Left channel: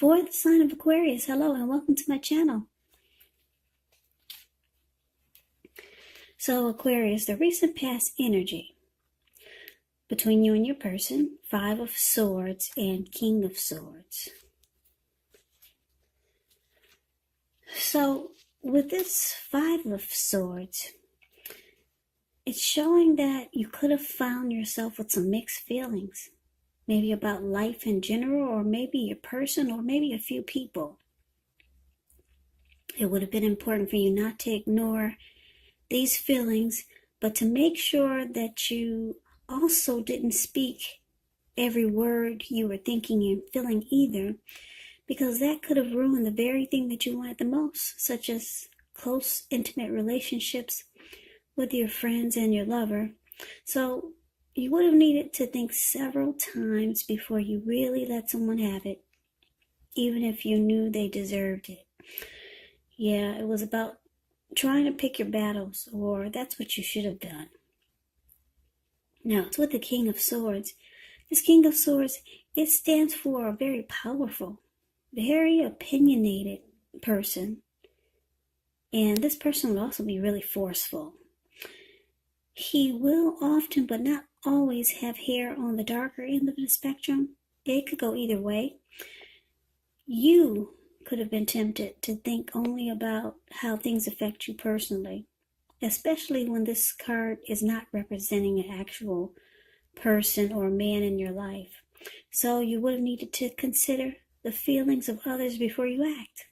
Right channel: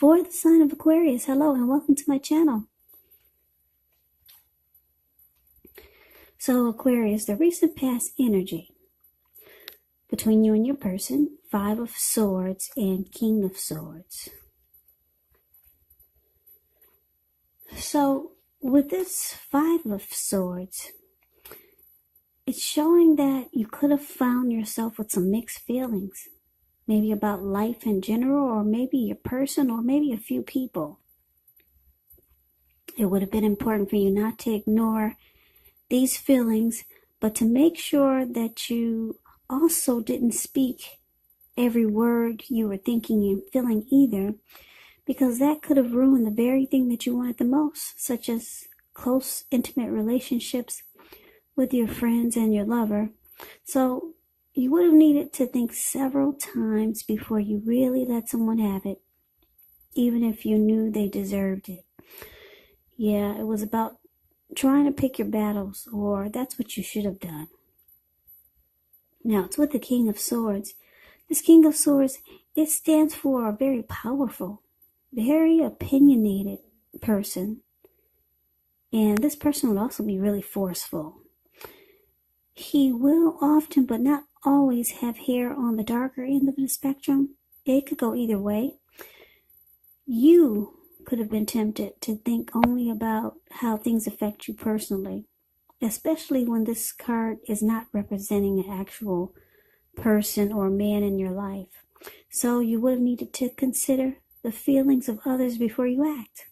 For the sign of Aquarius, hello and welcome to my channel. So Aquarius, the recent past energy between you and your person, Five of Swords and King of Swords. So with this Five of Swords, it's showing that you could have found yourself with some mixed feelings. Maybe about life in general, or maybe your person, or maybe a few people. It would have been important for you not to ignore these feelings, but to make sure that you also didn't speak every word you were thinking and feeling either, because that could have ruined the very thing that you wanted the most, such as close, intimate relationships with your friends and your lover. So you would have needed to think several times before you really let someone have it, even if you knew they deserved it. Yeah, it was about trying to pick your battles, or that's what you should have done. Now, it's with the King of Swords. This King of Swords, it stands for a very powerful, very opinionated person. And this person would also be really forceful. He will often, but not always, have hair on the darker end of the spectrum. It could go either way. You could have been tempted to think only about how things affect you personally, especially when this card is not representing an actual person or man in your life. So you would have needed to consider the feelings of others before you act.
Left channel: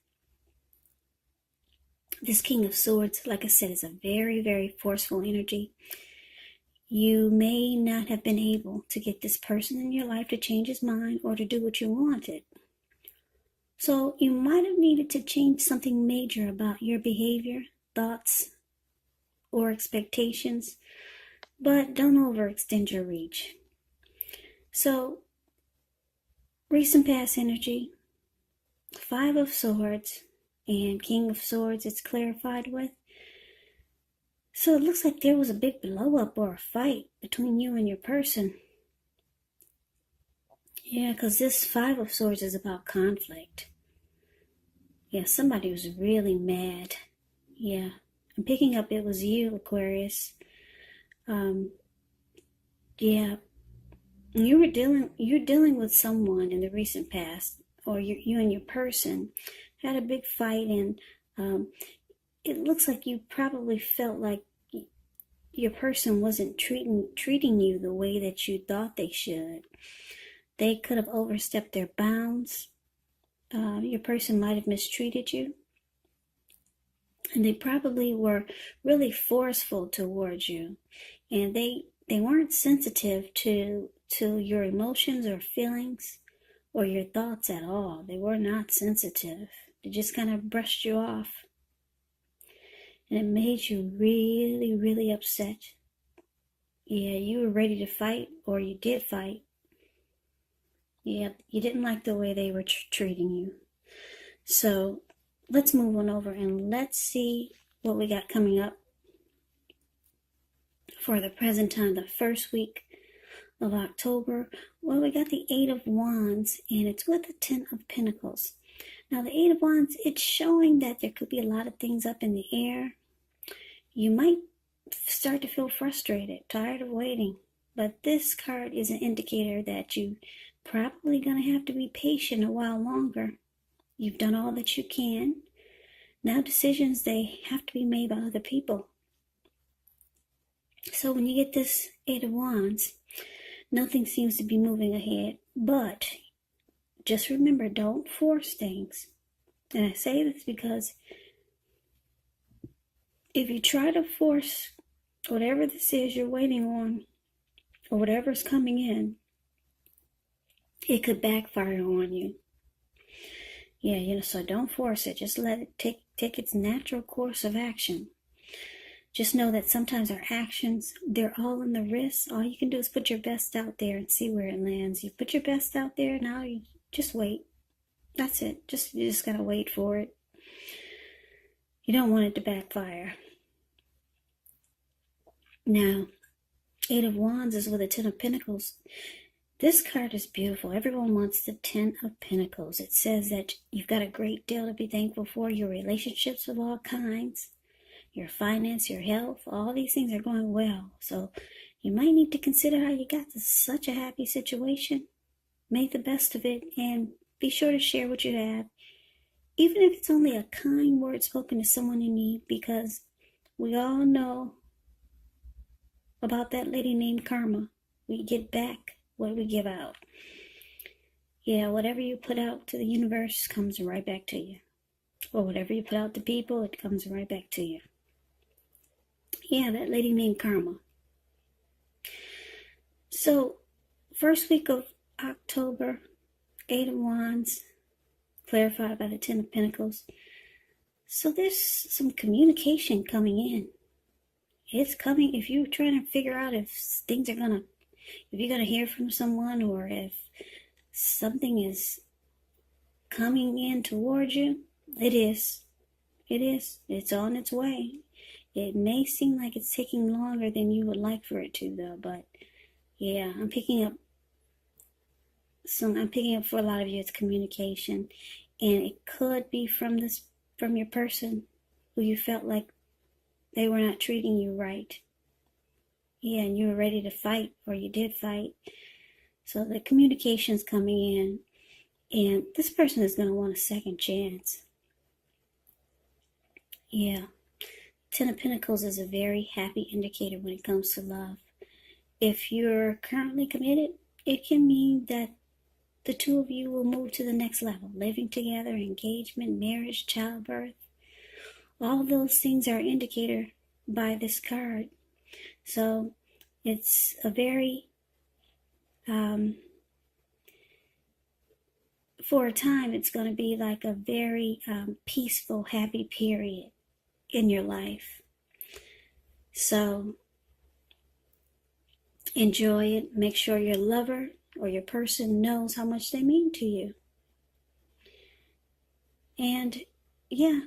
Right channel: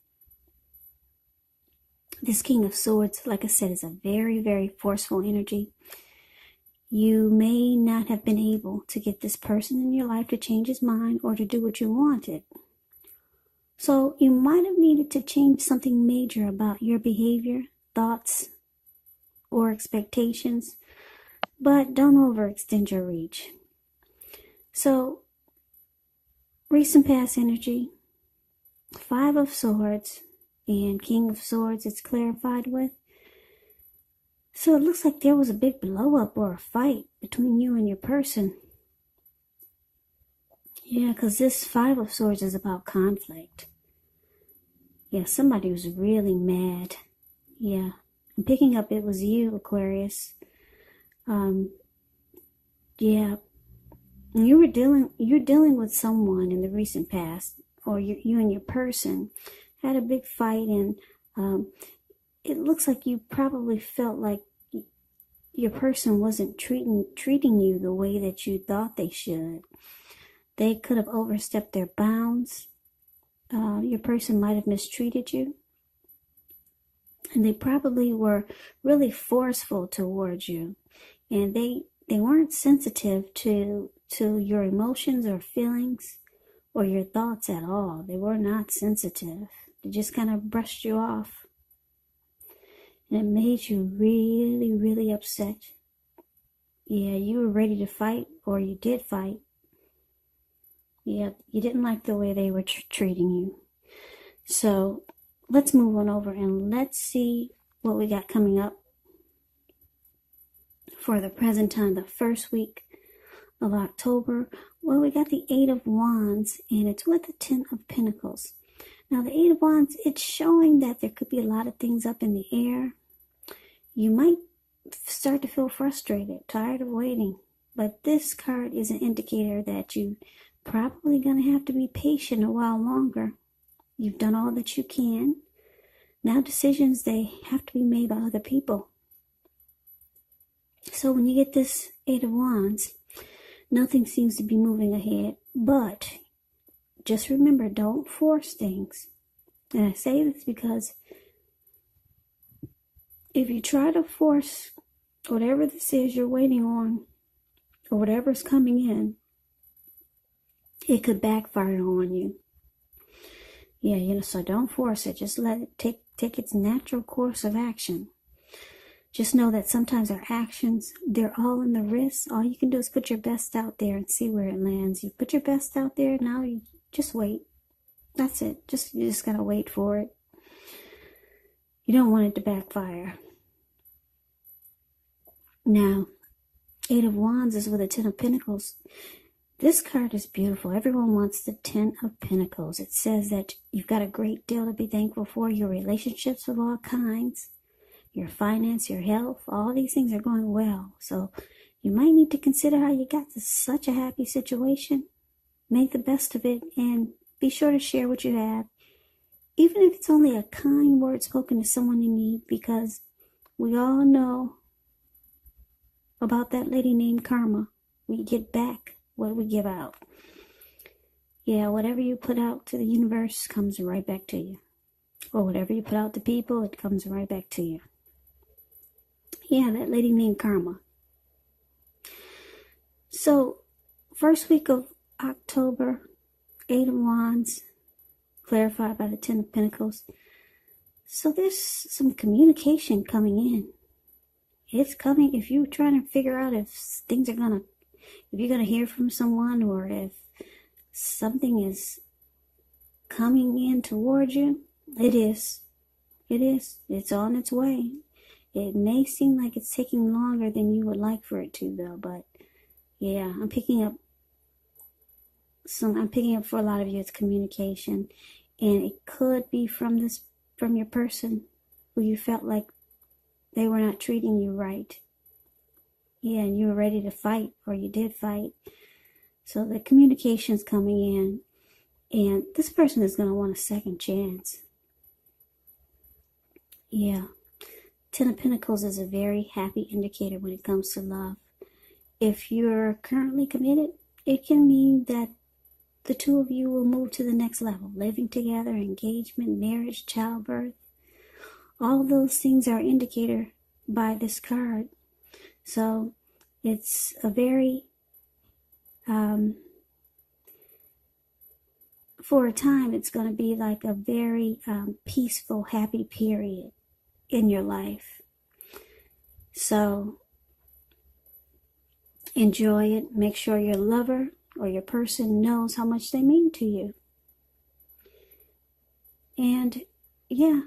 This King of Swords, like I said, is a very, very forceful energy. You may not have been able to get this person in your life to change his mind or to do what you wanted. So you might have needed to change something major about your behavior, thoughts, or expectations, but don't overextend your reach. So, recent past energy, Five of Swords, and King of Swords it's clarified with. So it looks like there was a big blow up or a fight between you and your person. Yeah, because this Five of Swords is about conflict. Yeah, somebody was really mad. Yeah, I'm picking up it was you, Aquarius. Yeah, you're dealing with someone in the recent past, or you and your person had a big fight, and it looks like you probably felt like your person wasn't treating you the way that you thought they should. They could have overstepped their bounds. Your person might have mistreated you. And they probably were really forceful towards you. And they weren't sensitive to your emotions or feelings or your thoughts at all. They were not sensitive. They just kind of brushed you off. And it made you really, really upset. Yeah, you were ready to fight, or you did fight. Yeah, you didn't like the way they were treating you. So let's move on over and let's see what we got coming up for the present time, the first week of October. Well, we got the Eight of Wands, and it's with the Ten of Pentacles. Now, the Eight of Wands, it's showing that there could be a lot of things up in the air. You might start to feel frustrated, tired of waiting. But this card is an indicator that you probably going to have to be patient a while longer. You've done all that you can. Now decisions, they have to be made by other people. So when you get this Eight of Wands, nothing seems to be moving ahead. But just remember, don't force things. And I say this because if you try to force whatever this is you're waiting on, or whatever's coming in, it could backfire on you. Yeah, so don't force it. Just let it take its natural course of action. Just know that sometimes our actions, they're all in the wrist. All you can do is put your best out there and see where it lands. You put your best out there, now you just wait. That's it. You just gotta wait for it. You don't want it to backfire. Now, Eight of Wands is with a Ten of Pentacles. This card is beautiful. Everyone wants the Ten of Pentacles. It says that you've got a great deal to be thankful for. Your relationships of all kinds, your finance, your health, all these things are going well. So you might need to consider how you got to such a happy situation. Make the best of it and be sure to share what you have. Even if it's only a kind word spoken to someone in need, because we all know about that lady named Karma. We get back what we give out. Yeah, whatever you put out to the universe comes right back to you. Or whatever you put out to people, it comes right back to you. Yeah, that lady named Karma. So, first week of October, 8 of Wands, clarified by the Ten of Pentacles. So there's some communication coming in. It's coming. If you're trying to figure out if things are if you're going to hear from someone, or if something is coming in toward you, it is. It is. It's on its way. It may seem like it's taking longer than you would like for it to, though. But yeah, I'm picking up for a lot of you. It's communication, and it could be from your person who you felt like they were not treating you right. Yeah, and you were ready to fight, or you did fight. So the communication's coming in, and this person is going to want a second chance. Yeah. Ten of Pentacles is a very happy indicator when it comes to love. If you're currently committed, it can mean that the two of you will move to the next level. Living together, engagement, marriage, childbirth. All of those things are an indicator by this card. So it's a very, for a time, it's going to be like a very peaceful, happy period in your life. So enjoy it. Make sure your lover or your person knows how much they mean to you. And yeah,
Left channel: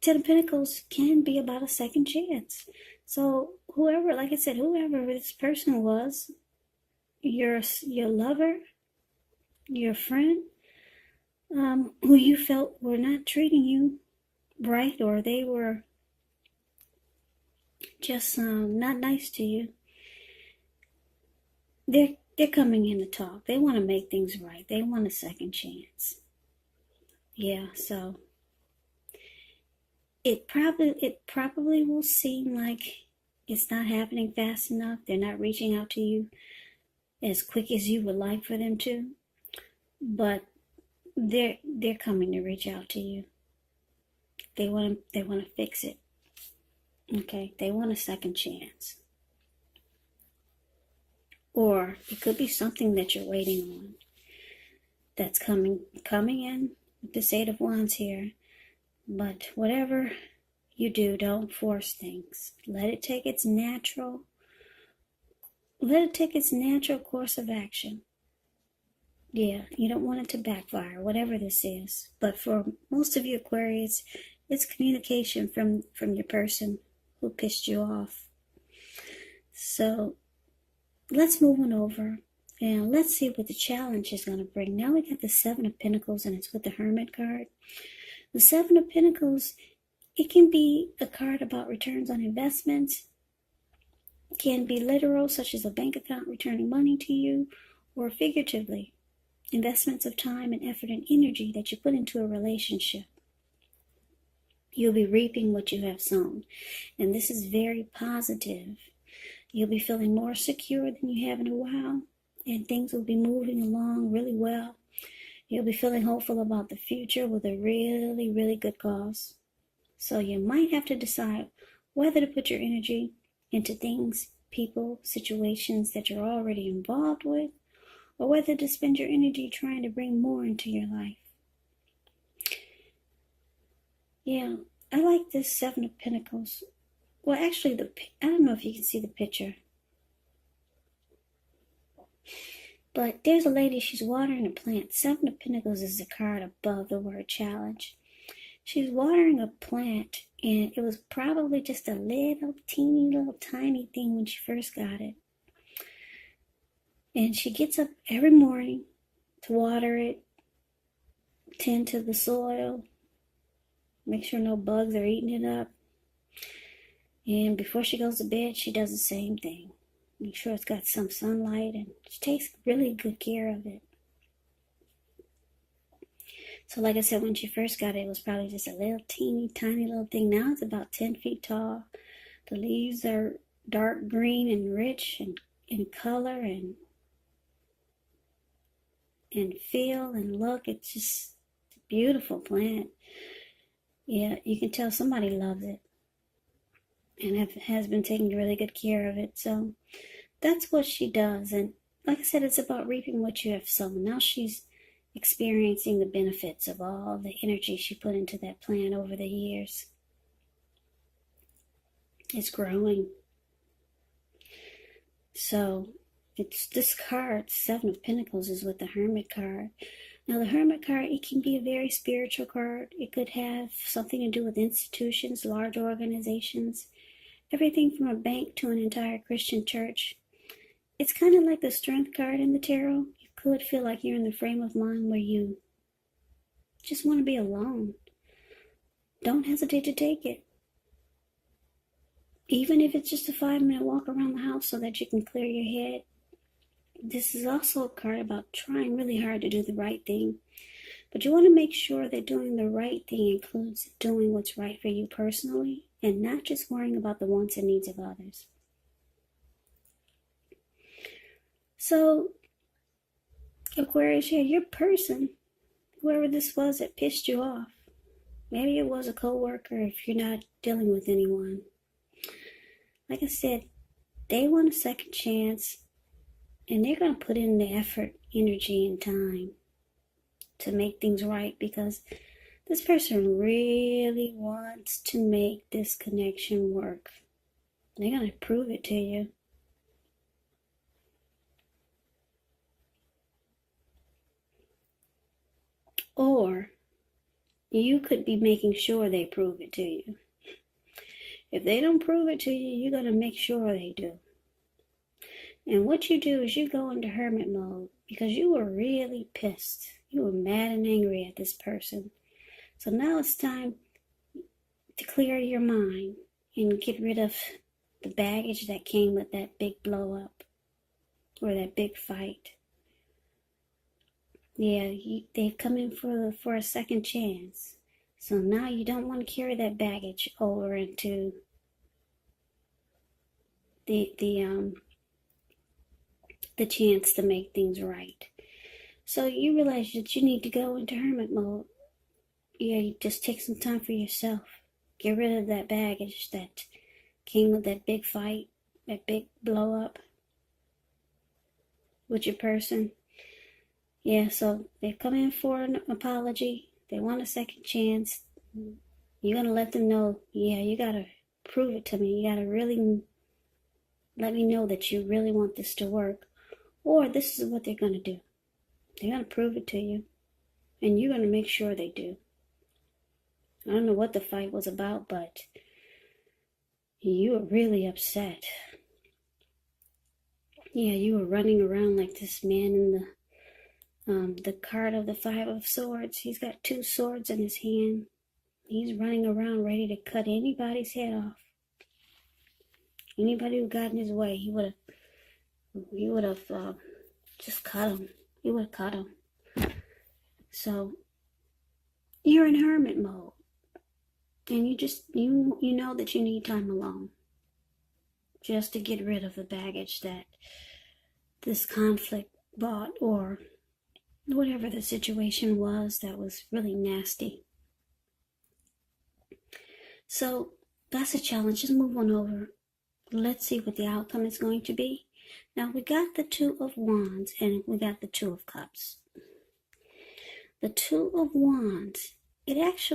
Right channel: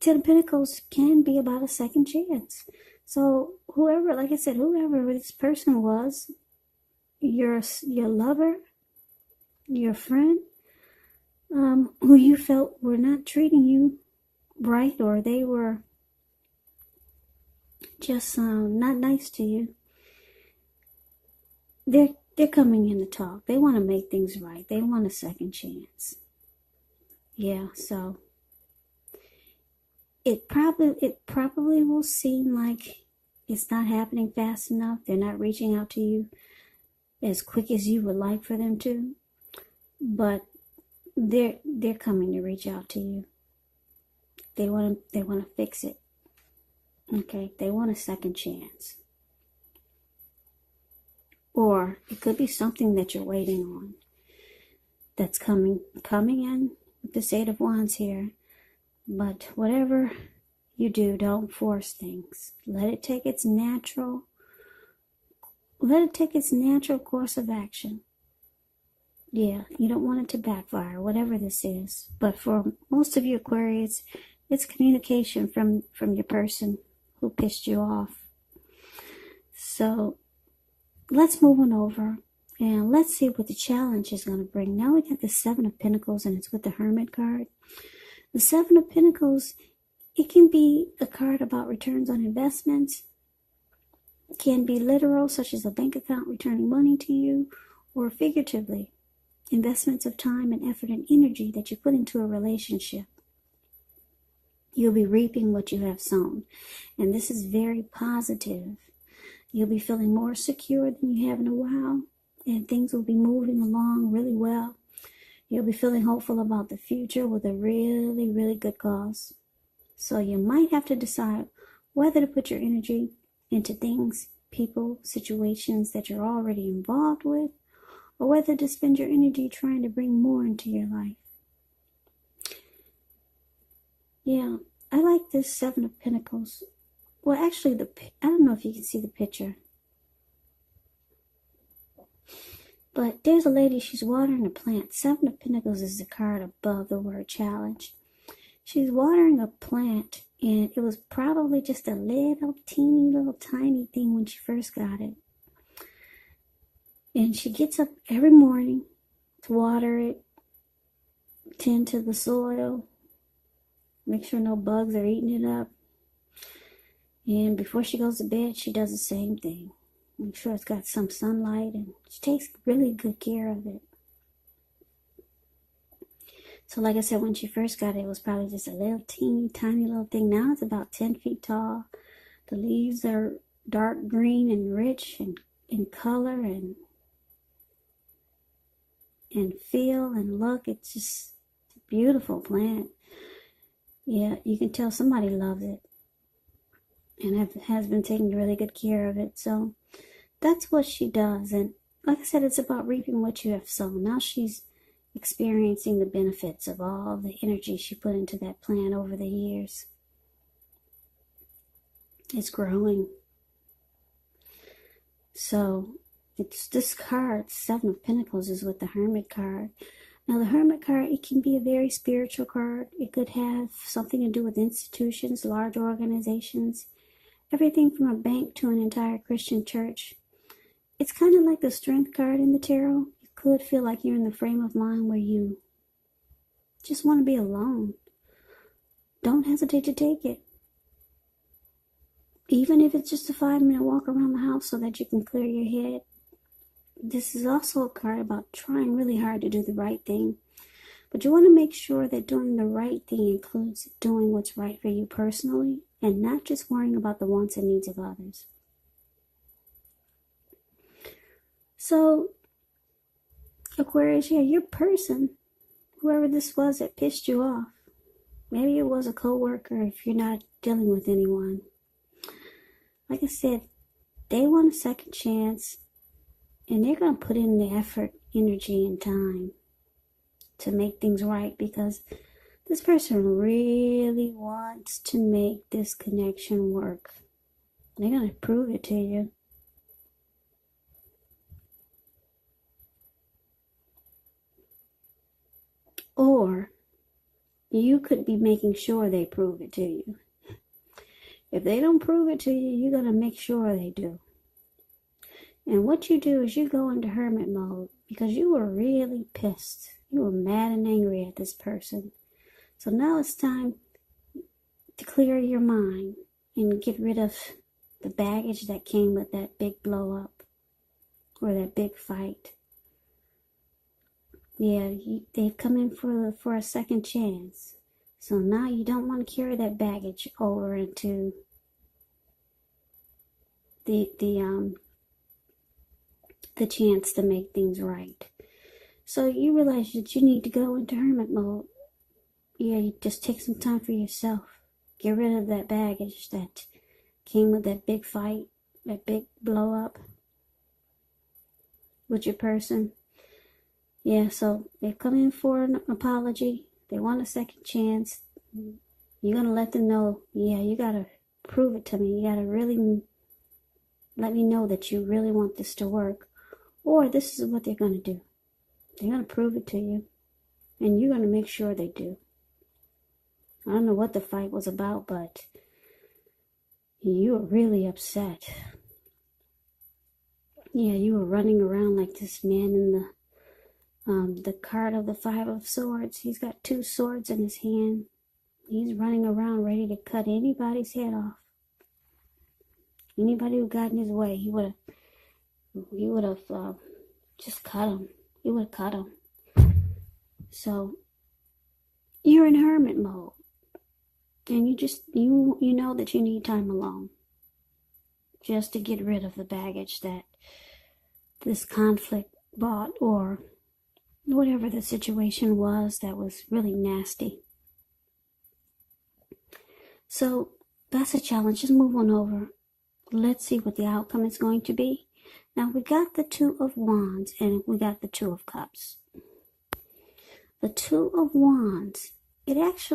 Ten of Pentacles can be about a second chance. So whoever, like I said, whoever this person was, your lover, your friend, who you felt were not treating you right, or they were just not nice to you, they're coming in to talk. They want to make things right. They want a second chance. Yeah, so it probably will seem like it's not happening fast enough. They're not reaching out to you as quick as you would like for them to, but they're coming to reach out to you. They want to fix it. Okay, they want a second chance. Or it could be something that you're waiting on that's coming in with this Eight of Wands here. But whatever you do, don't force things. Let it take its natural course of action. Yeah, you don't want it to backfire, whatever this is. But for most of you Aquarius, it's communication from your person who pissed you off. So let's move on over and let's see what the challenge is going to bring. Now we got the Seven of Pentacles, and it's with the Hermit card. The Seven of Pentacles, it can be a card about returns on investments. It can be literal, such as a bank account returning money to you, or figuratively, investments of time and effort and energy that you put into a relationship. You'll be reaping what you have sown, and this is very positive. You'll be feeling more secure than you have in a while, and things will be moving along really well. You'll be feeling hopeful about the future with a really, really good cause. So you might have to decide whether to put your energy into things, people, situations that you're already involved with, or whether to spend your energy trying to bring more into your life. Yeah, I like this Seven of Pentacles. Well, actually, I don't know if you can see the picture. But there's a lady, she's watering a plant. Seven of Pentacles is the card above the word challenge. She's watering a plant, and it was probably just a little teeny, little tiny thing when she first got it. And she gets up every morning to water it, tend to the soil, make sure no bugs are eating it up. And before she goes to bed, she does the same thing. Make sure it's got some sunlight, and she takes really good care of it. So like I said, when she first got it, it was probably just a little teeny tiny little thing. Now it's about 10 feet tall. The leaves are dark green and rich and in color and feel and look. It's just a beautiful plant. Yeah, you can tell somebody loves it and has been taking really good care of it. So that's what she does. And like I said, it's about reaping what you have sown. Now she's experiencing the benefits of all the energy she put into that plant over the years. It's growing. So it's this card, Seven of Pentacles, is with the Hermit card. Now the Hermit card, it can be a very spiritual card. It could have something to do with institutions, large organizations, everything from a bank to an entire Christian church. It's kind of like the Strength card in the tarot. You could feel like you're in the frame of mind where you just want to be alone. Don't hesitate to take it. Even if it's just a 5-minute walk around the house so that you can clear your head. This is also a card about trying really hard to do the right thing. But you want to make sure that doing the right thing includes doing what's right for you personally and not just worrying about the wants and needs of others. So, Aquarius, here, your person, whoever this was that pissed you off, maybe it was a coworker if you're not dealing with anyone. Like I said, they want a second chance, and they're going to put in the effort, energy, and time to make things right, because this person really wants to make this connection work. They're going to prove it to you. Or you could be making sure they prove it to you. If they don't prove it to you, you're going to make sure they do. And what you do is you go into hermit mode because you were really pissed. You were mad and angry at this person. So now it's time to clear your mind and get rid of the baggage that came with that big blow up or that big fight. Yeah, they've come in for a second chance. So now you don't want to carry that baggage over into the chance to make things right. So you realize that you need to go into hermit mode. Yeah, you just take some time for yourself. Get rid of that baggage that came with that big fight, that big blow up with your person. Yeah, so they've come in for an apology. They want a second chance. You're going to let them know, yeah, you got to prove it to me. You got to really let me know that you really want this to work. Or this is what they're going to do. They're going to prove it to you. And you're going to make sure they do. I don't know what the fight was about, but you were really upset. Yeah, you were running around like this man in the card of the Five of Swords. He's got 2 swords in his hand. He's running around ready to cut anybody's head off. Anybody who got in his way, he would have just cut him. He would have cut him. So you're in hermit mode, and you know that you need time alone, just to get rid of the baggage that this conflict brought, or whatever the situation was that was really nasty. So that's a challenge. Just move on over. Let's see what the outcome is going to be. Now we got the 2 of Wands and we got the 2 of Cups. The 2 of Wands, it's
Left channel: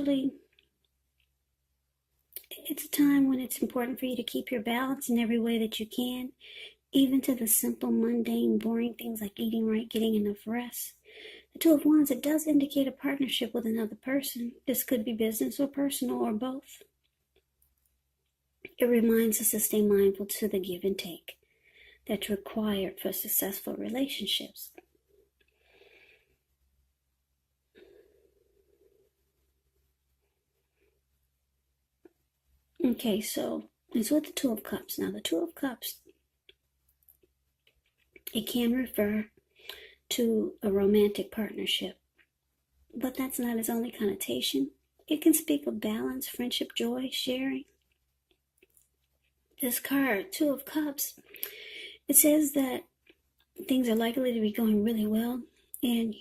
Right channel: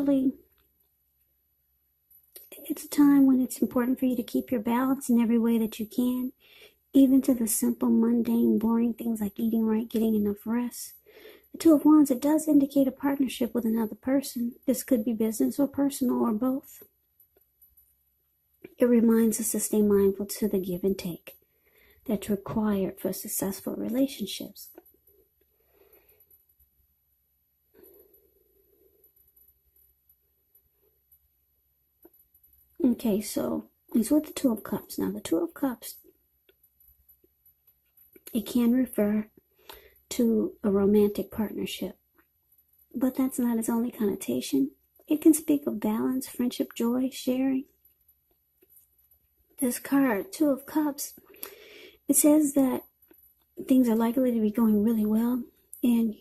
a time when it's important for you to keep your balance in every way that you can, even to the simple, mundane, boring things like eating right, getting enough rest. The 2 of Wands, it does indicate a partnership with another person. This could be business or personal or both. It reminds us to stay mindful to the give and take. that's required for successful relationships. Okay, so it's with the Two of Cups. Now, the Two of Cups, it can refer to a romantic partnership, but that's not its only connotation. It can speak of balance, friendship, joy, sharing. This card, Two of Cups, it says that things are likely to be going really well, and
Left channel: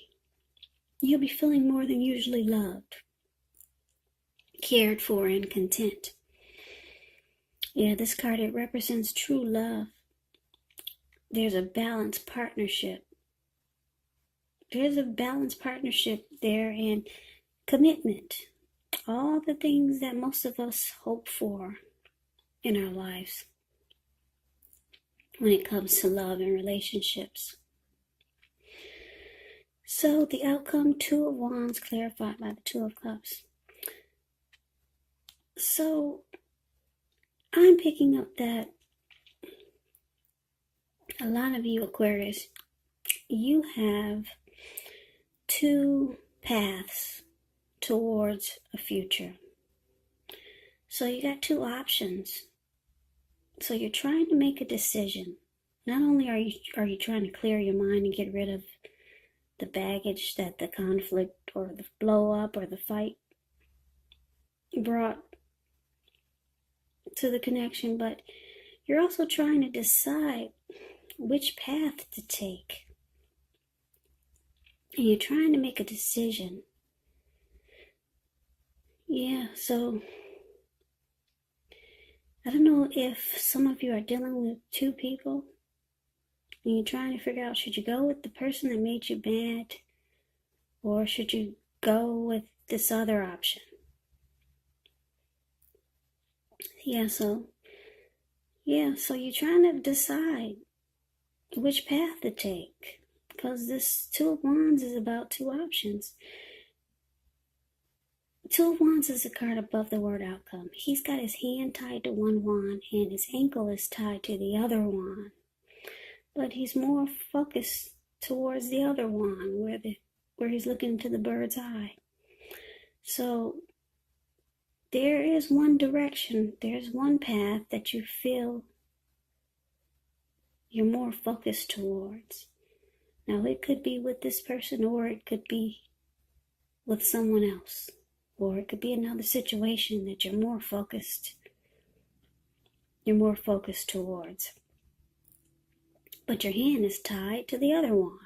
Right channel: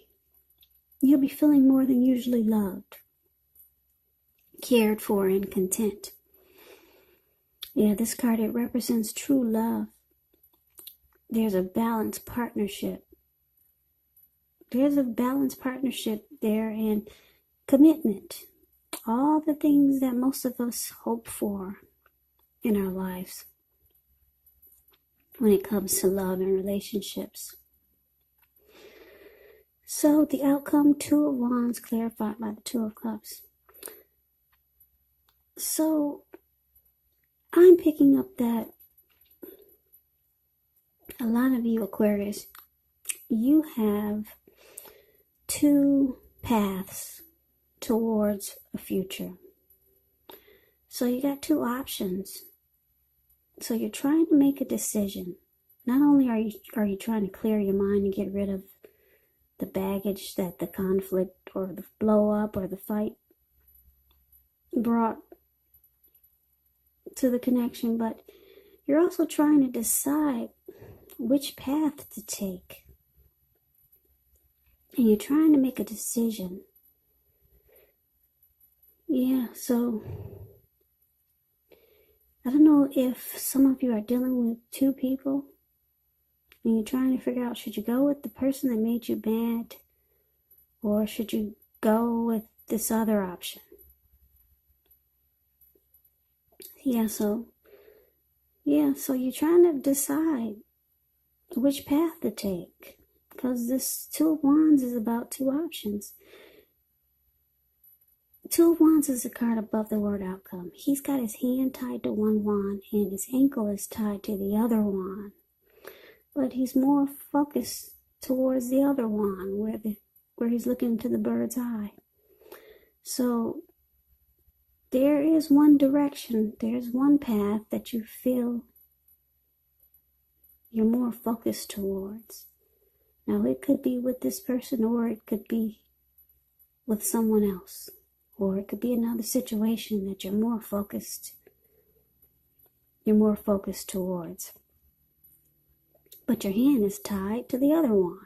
you'll be feeling more than usually loved, cared for, and content. Yeah, this card, it represents true love. There's a balanced partnership. There's a balanced partnership there, and commitment. All the things that most of us hope for in our lives when it comes to love and relationships. So the outcome, Two of Wands, clarified by the Two of Cups. So I'm picking up that a lot of you Aquarius, you have two paths towards a future. So you got two options. So you're trying to make a decision. Not only are you trying to clear your mind and get rid of the baggage that the conflict or the blow up or the fight brought to the connection, but you're also trying to decide which path to take. And you're trying to make a decision. Yeah, so I don't know if some of you are dealing with two people and you're trying to figure out, should you go with the person that made you mad, or should you go with this other option? So you're trying to decide which path to take, because this Two of Wands is about two options. Two of Wands is a card above the word outcome. He's got his hand tied to one wand and his ankle is tied to the other wand, but he's more focused towards the other wand where he's looking into the bird's eye. So there is one direction, there's one path that you feel you're more focused towards. Now, it could be with this person, or it could be with someone else, or it could be another situation that you're more focused towards. But your hand is tied to the other one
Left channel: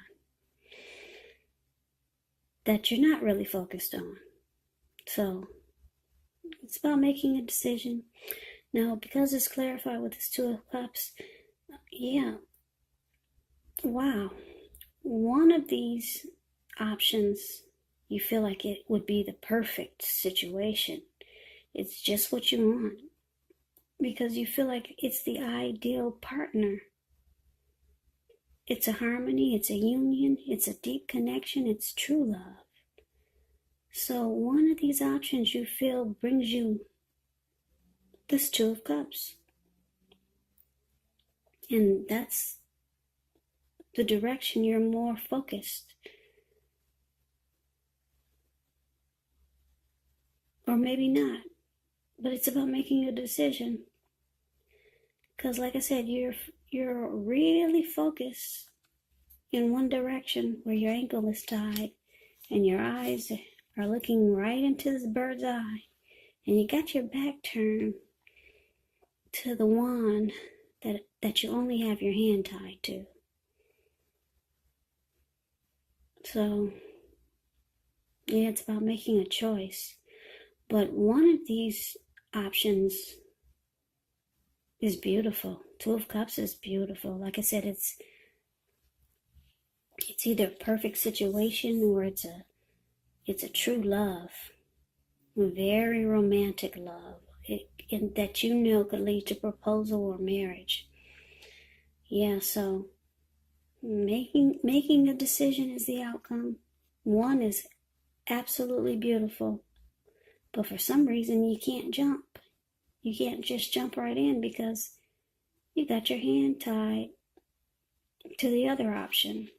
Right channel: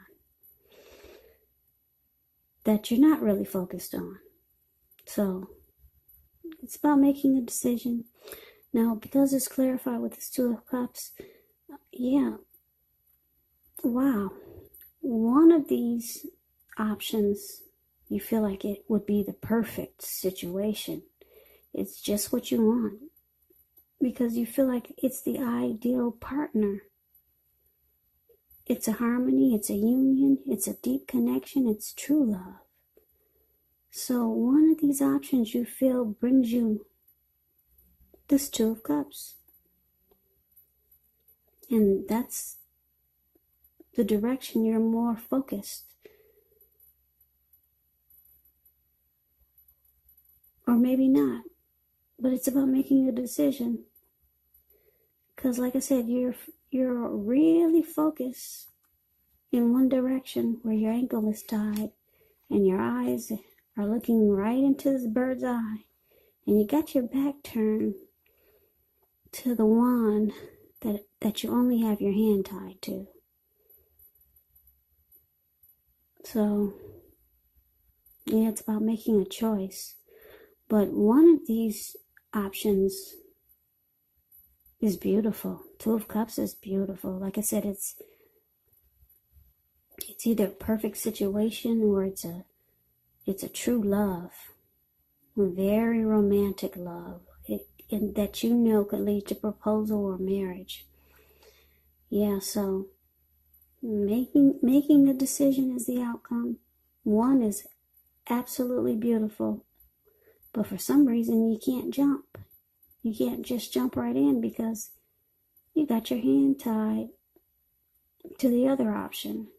that you're not really focused on. So it's about making a decision. Now, because it's clarified with this Two of Cups, wow. One of these options, you feel like it would be the perfect situation. It's just what you want, because you feel like it's the ideal partner. It's a harmony, it's a union, it's a deep connection, it's true love. So one of these options you feel brings you this Two of Cups. And that's the direction you're more focused. Or maybe not. But it's about making a decision. Because like I said, you're really focused in one direction where your ankle is tied and your eyes are looking right into this bird's eye. And you got your back turned to the wand that you only have your hand tied to. So, it's about making a choice. But one of these options is beautiful. Two of Cups is beautiful. Like I said, it's either a perfect situation or it's a true love. A very romantic love. That could lead to proposal or marriage. So making a decision is the outcome. One is absolutely beautiful, but for some reason you can't jump. You can't just jump right in because you got your hand tied to the other option.